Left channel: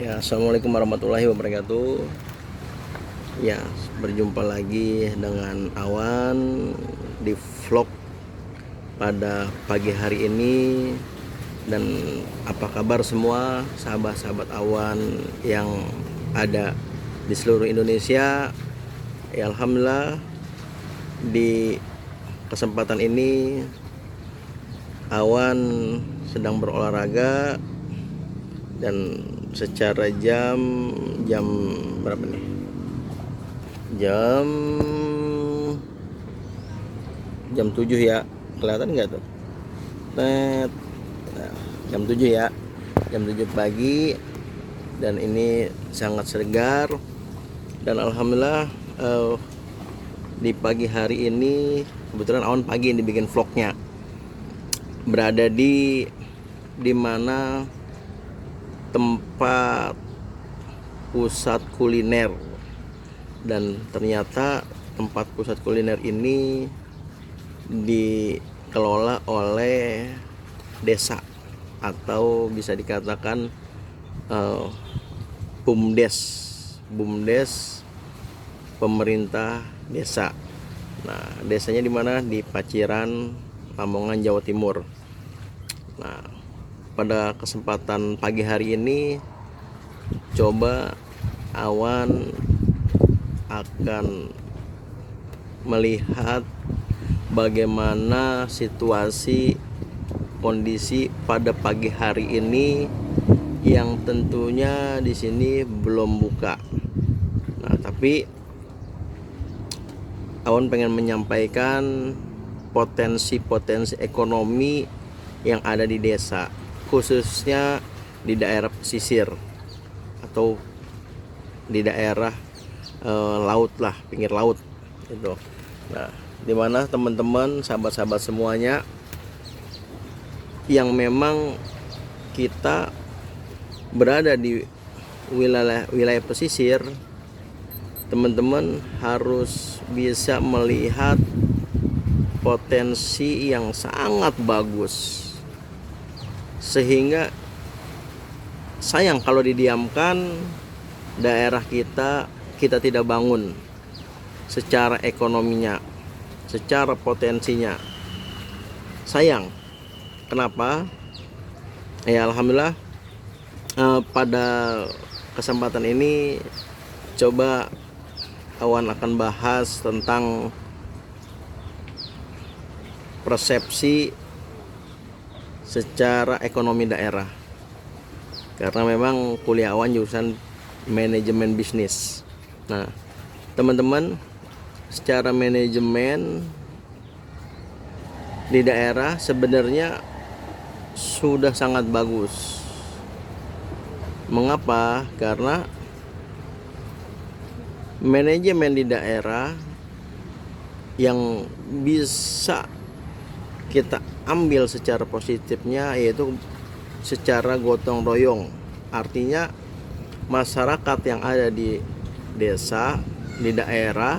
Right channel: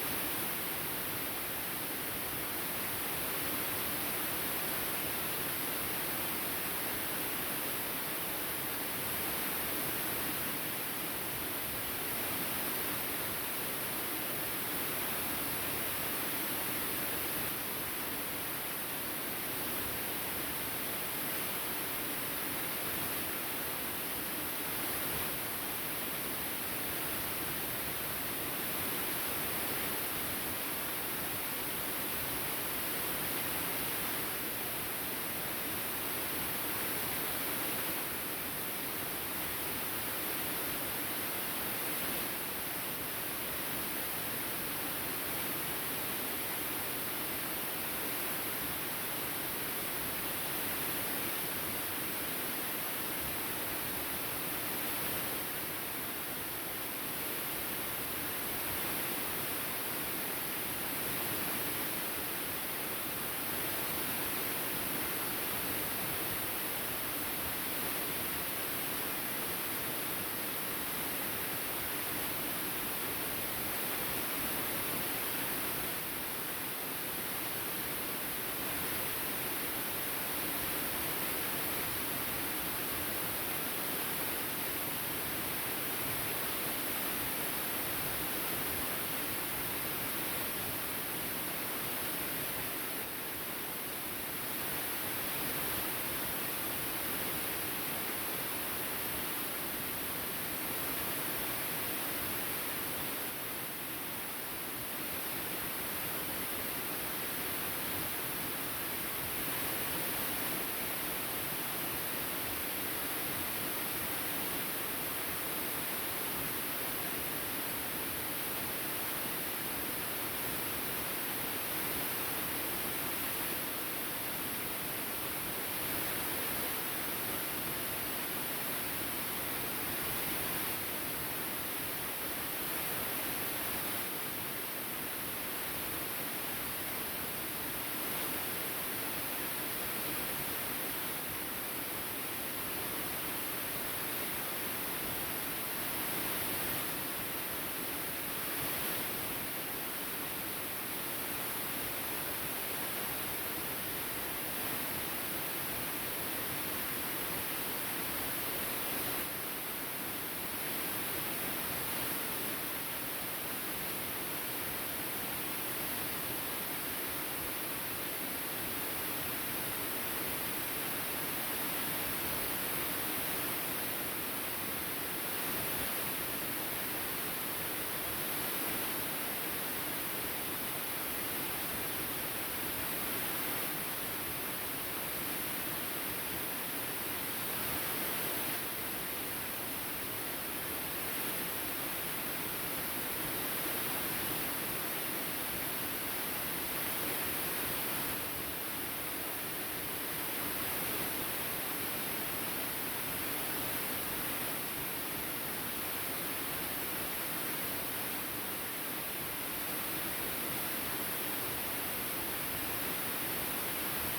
Ya, assalamualaikum warahmatullahi wabarakatuh. Ya, berjumpa lagi dengan Awan di vlog pada pagi hari ini. Dan apa kabar semua sahabat-sahabat Awan yang ada di seluruh Indonesia? Ya, alhamdulillah di kesempatan ini Awan sedang berolahraga dan secara jam berapa nih? jam jam 7 ya, kelihatan nggak tuh? Net. Nah, jam 7 ya, jam 7 pagi, dan ini sangat segar. Dan alhamdulillah di pagi hari ini kebetulan Awan pagi ini bikin vlognya berada di mana tempat pusat kuliner. Dan ternyata tempat pusat kuliner ini dikelola oleh desa, atau bisa dikatakan BUMDes pemerintah desa. Nah, desanya di mana? Di Paciran, Lamongan, Jawa Timur. Nah, pada kesempatan pagi hari ini coba Awan akan melihat bagaimana situasi kondisi pada pagi hari ini yang tentunya di sini belum buka. Nah, tapi Awan pengen menyampaikan potensi-potensi ekonomi yang ada di desa, khususnya di daerah pesisir atau di daerah laut lah, pinggir laut gitu. Nah, dimana teman-teman, sahabat-sahabat semuanya yang memang kita berada di wilayah pesisir, teman-teman harus bisa melihat potensi yang sangat bagus, sehingga sayang kalau didiamkan daerah kita tidak bangun secara ekonominya, secara potensinya. Sayang. Kenapa? Ya, alhamdulillah pada kesempatan ini coba Awan akan bahas tentang persepsi secara ekonomi daerah, karena memang kuliah Awan jurusan manajemen bisnis. Nah, teman-teman, secara manajemen di daerah sebenarnya sudah sangat bagus. Mengapa? Karena manajemen di daerah yang bisa kita ambil secara positifnya yaitu secara gotong royong. Artinya masyarakat yang ada di desa, di daerah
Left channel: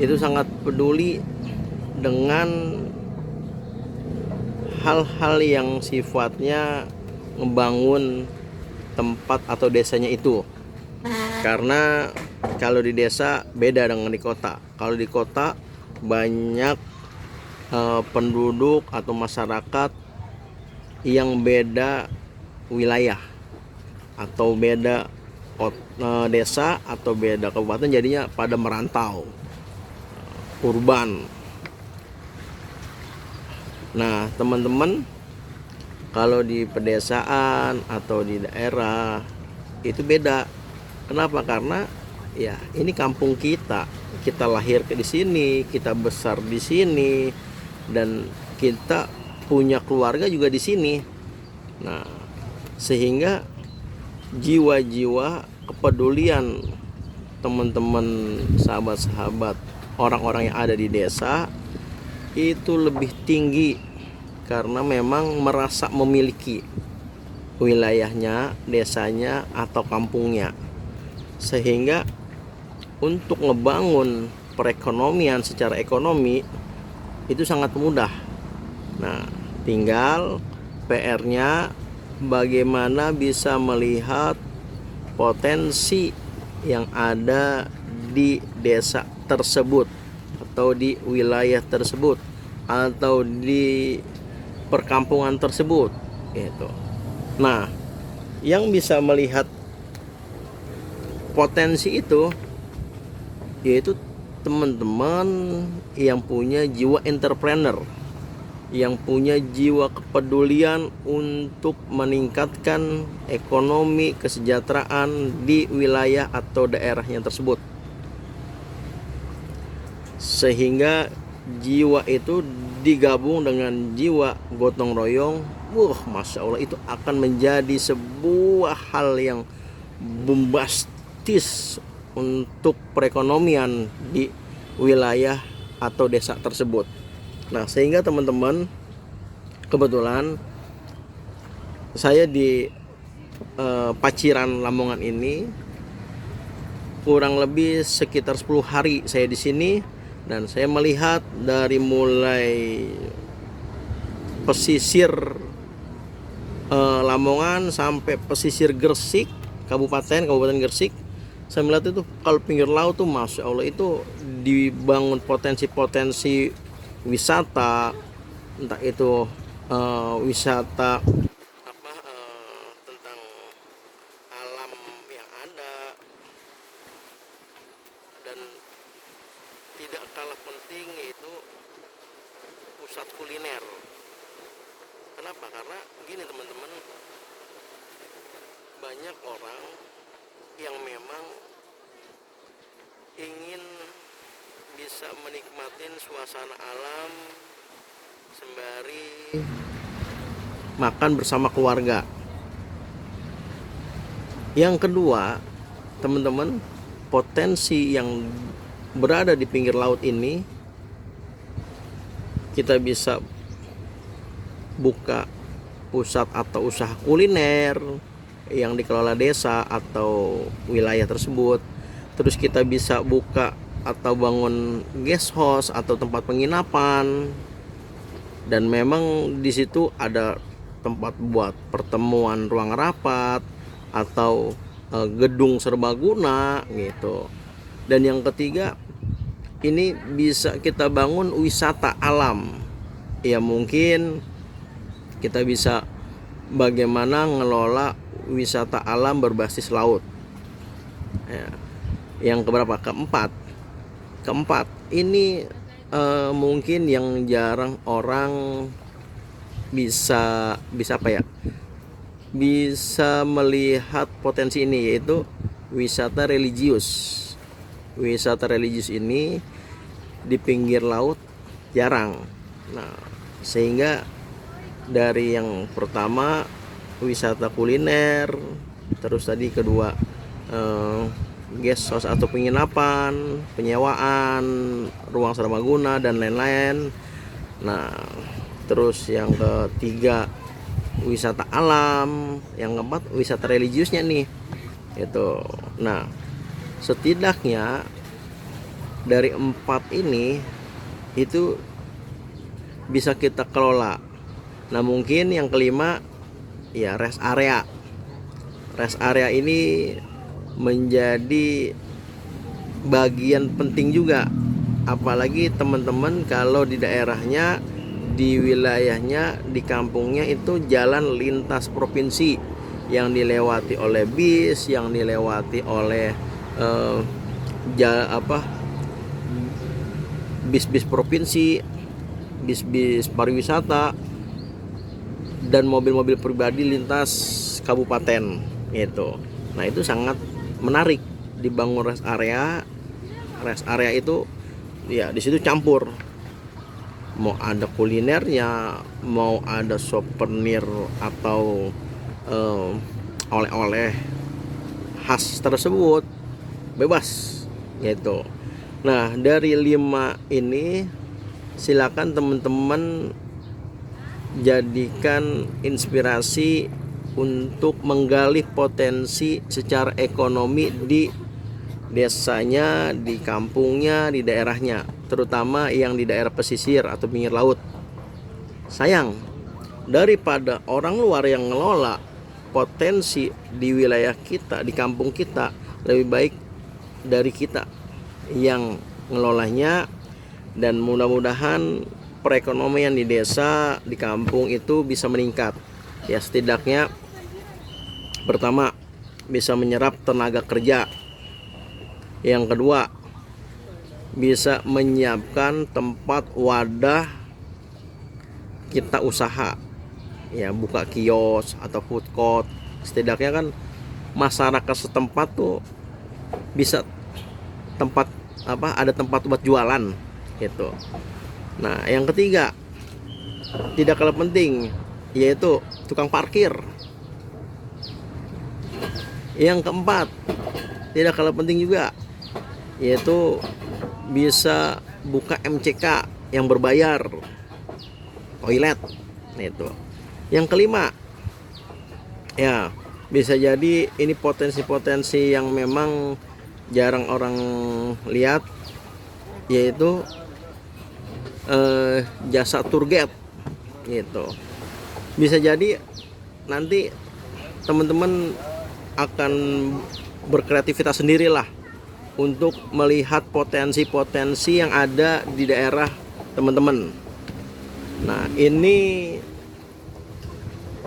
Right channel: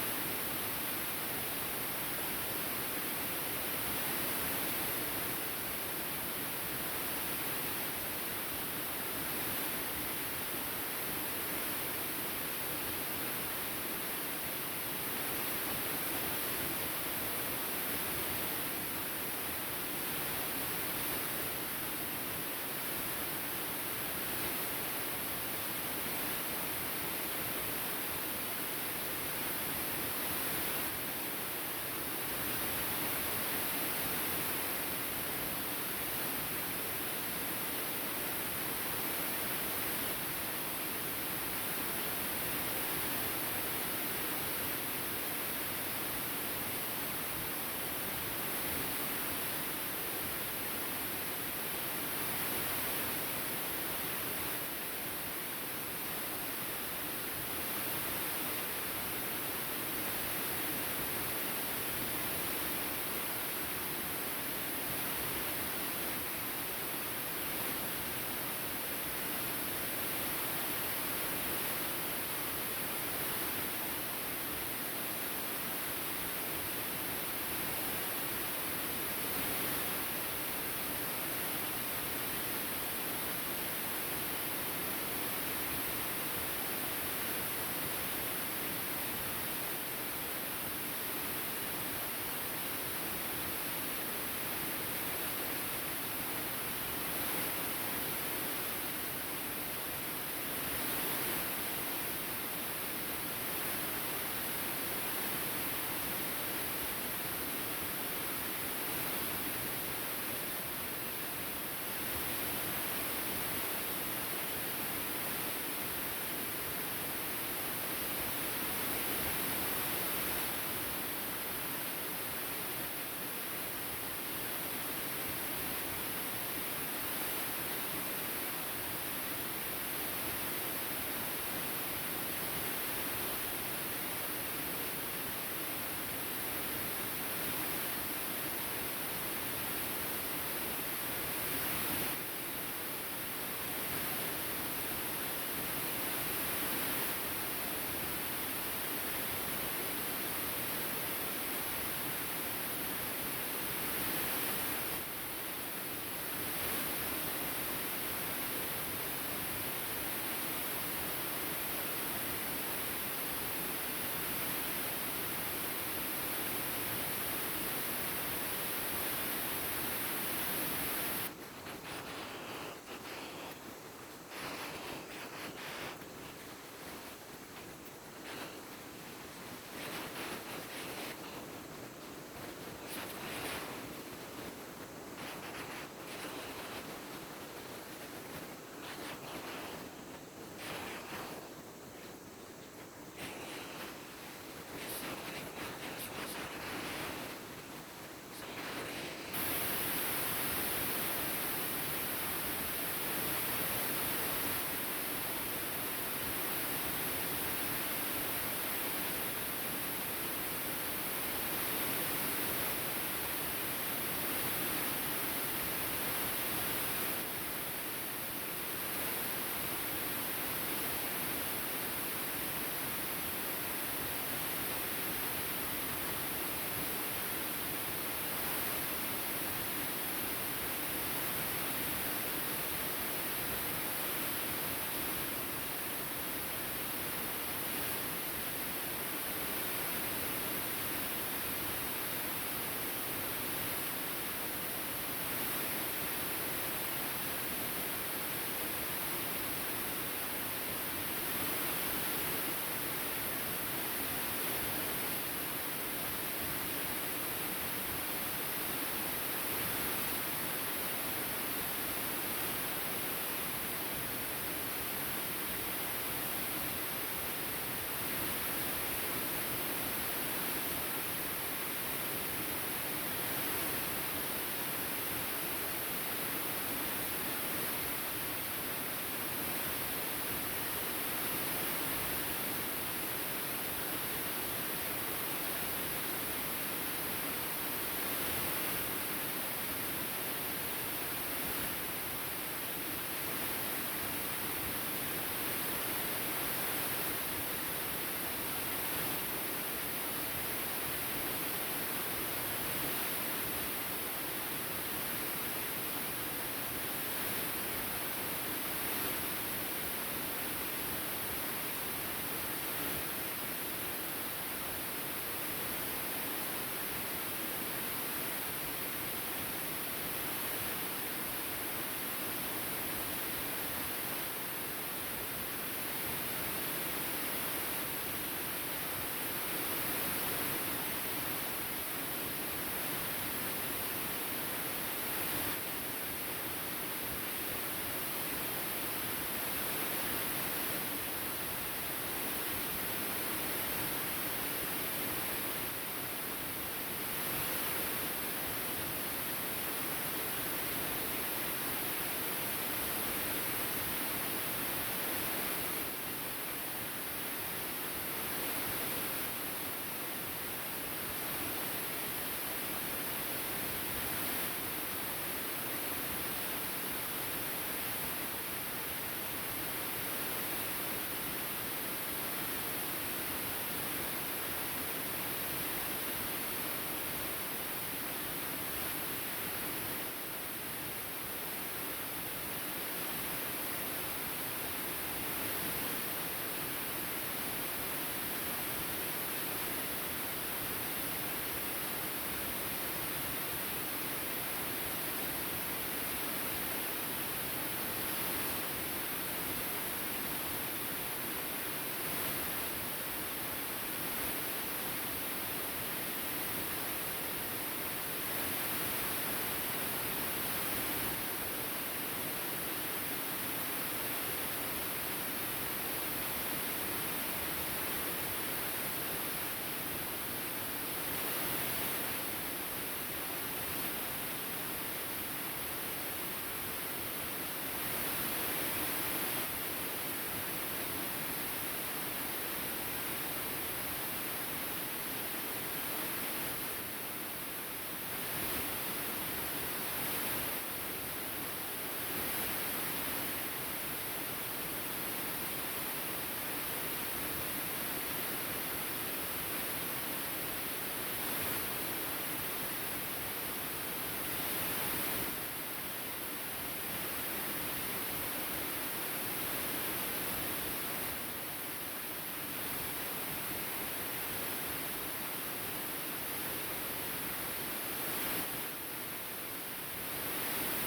itu sangat peduli dengan hal-hal yang sifatnya membangun tempat atau desanya itu. Karena kalau di desa beda dengan di kota. Kalau di kota banyak penduduk atau masyarakat yang beda wilayah, atau beda desa, atau beda kabupaten, jadinya pada merantau, urban. Nah, teman-teman, kalau di pedesaan atau di daerah itu beda. Kenapa? Karena ya ini kampung kita lahir di sini, kita besar di sini, dan kita punya keluarga juga di sini. Nah, sehingga jiwa-jiwa kepedulian teman-teman, sahabat-sahabat, orang-orang yang ada di desa itu lebih tinggi, karena memang merasa memiliki wilayahnya, desanya, atau kampungnya. Sehingga untuk ngebangun perekonomian secara ekonomi itu sangat mudah. Nah, tinggal PR-nya bagaimana bisa melihat potensi yang ada di desa tersebut atau di wilayah tersebut atau di perkampungan tersebut gitu. Nah, yang bisa melihat potensi itu yaitu teman-teman yang punya jiwa entrepreneur, yang punya jiwa kepedulian untuk meningkatkan ekonomi kesejahteraan di wilayah atau daerahnya tersebut, sehingga jiwa itu digabung dengan jiwa gotong royong. Masya Allah, itu akan menjadi sebuah hal yang bombastis untuk perekonomian di wilayah atau desa tersebut. Nah, sehingga teman-teman, kebetulan saya di Paciran Lamongan ini kurang lebih sekitar 10 hari saya di sini, dan saya melihat dari mulai pesisir Lamongan sampai pesisir Gresik, Kabupaten Gresik. Saya melihat itu kalau pinggir laut tuh Masya Allah itu dibangun potensi-potensi wisata, entah itu wisata tentang alam yang ada, dan tidak kalah penting itu pusat kuliner. Kenapa? Karena begini teman-teman, banyak orang yang memang ingin bisa menikmati suasana alam sembari makan bersama keluarga. Yang kedua, teman-teman, potensi yang berada di pinggir laut ini, kita bisa buka pusat atau usaha kuliner yang dikelola desa atau wilayah tersebut. Terus kita bisa buka atau bangun guest house atau tempat penginapan, dan memang di situ ada tempat buat pertemuan, ruang rapat atau gedung serbaguna gitu. Dan yang ketiga, ini bisa kita bangun wisata alam. Ya mungkin kita bisa bagaimana ngelola wisata alam berbasis laut. Ya. Yang keberapa? Keempat, ini mungkin yang jarang orang bisa apa ya? Bisa melihat potensi ini, yaitu wisata religius. Wisata religius ini di pinggir laut jarang. Nah, sehingga dari yang pertama wisata kuliner, terus tadi kedua guest house atau penginapan, penyewaan, ruang serbaguna dan lain-lain. Nah, terus yang ketiga wisata alam, yang keempat wisata religiusnya nih. Itu. Nah, setidaknya dari 4 ini itu bisa kita kelola. Nah, mungkin yang kelima ya rest area. Rest area ini menjadi bagian penting juga, apalagi teman-teman kalau di daerahnya, di wilayahnya, di kampungnya itu jalan lintas provinsi yang dilewati oleh bis, yang dilewati oleh bis-bis provinsi, bis-bis pariwisata, dan mobil-mobil pribadi lintas kabupaten gitu. Nah, itu sangat menarik dibangun rest area. Rest area itu ya di situ campur, mau ada kulinernya, mau ada souvenir atau oleh-oleh khas tersebut, bebas gitu. Nah, dari 5 ini silakan teman-teman jadikan inspirasi untuk menggali potensi secara ekonomi di desanya, di kampungnya, di daerahnya, terutama yang di daerah pesisir atau pinggir laut. Sayang daripada orang luar yang ngelola potensi di wilayah kita, di kampung kita, lebih baik dari kita yang ngelolanya. Dan mudah-mudahan perekonomian di desa, di kampung itu bisa meningkat. Ya, setidaknya pertama bisa menyerap tenaga kerja. Yang kedua, bisa menyiapkan tempat wadah kita usaha, ya, buka kios atau food court. Setidaknya kan masyarakat setempat tuh bisa ada tempat buat jualan gitu. Nah, yang ketiga tidak kalah penting yaitu tukang parkir. Yang keempat tidak kalah penting juga yaitu bisa buka MCK yang berbayar, toilet itu. Yang kelima, ya, bisa jadi ini potensi-potensi yang memang jarang orang lihat, yaitu jasa tour guide gitu. Bisa jadi nanti teman-teman akan berkreativitas sendirilah untuk melihat potensi-potensi yang ada di daerah teman-teman. Nah, ini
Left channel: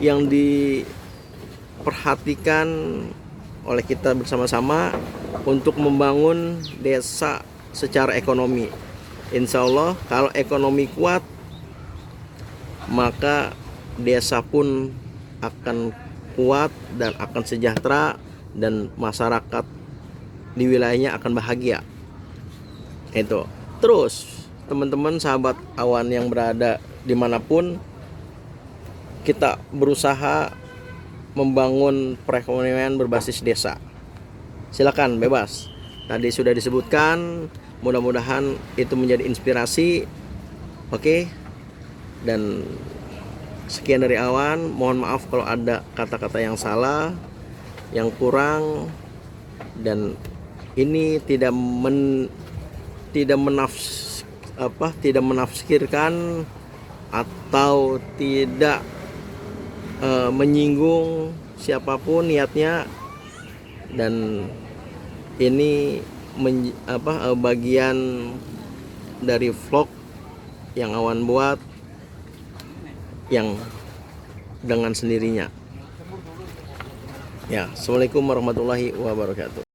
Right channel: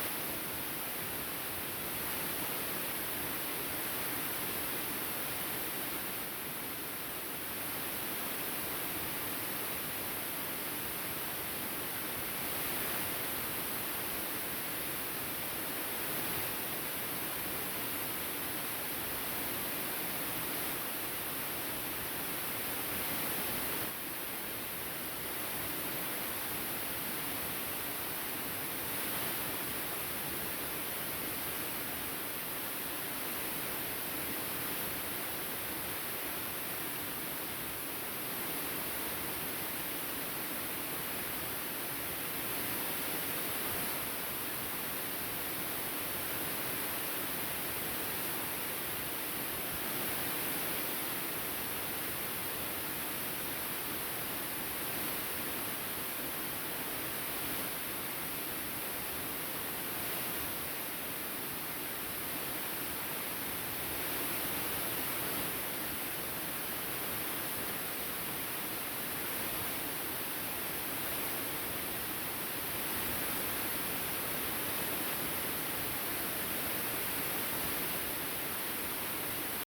yang diperhatikan oleh kita bersama-sama untuk membangun desa secara ekonomi. Insya Allah kalau ekonomi kuat, maka desa pun akan kuat dan akan sejahtera, dan masyarakat di wilayahnya akan bahagia. Itu. Terus teman-teman sahabat awan yang berada dimanapun, kita berusaha membangun perekonomian berbasis desa. Silakan, bebas. Tadi sudah disebutkan, mudah-mudahan itu menjadi inspirasi. Oke. Dan sekian dari awan. Mohon maaf kalau ada kata-kata yang salah, yang kurang, dan ini tidak menafsirkan atau tidak menyinggung siapapun niatnya. Dan ini bagian dari vlog yang awan buat yang dengan sendirinya. Ya, assalamualaikum warahmatullahi wabarakatuh.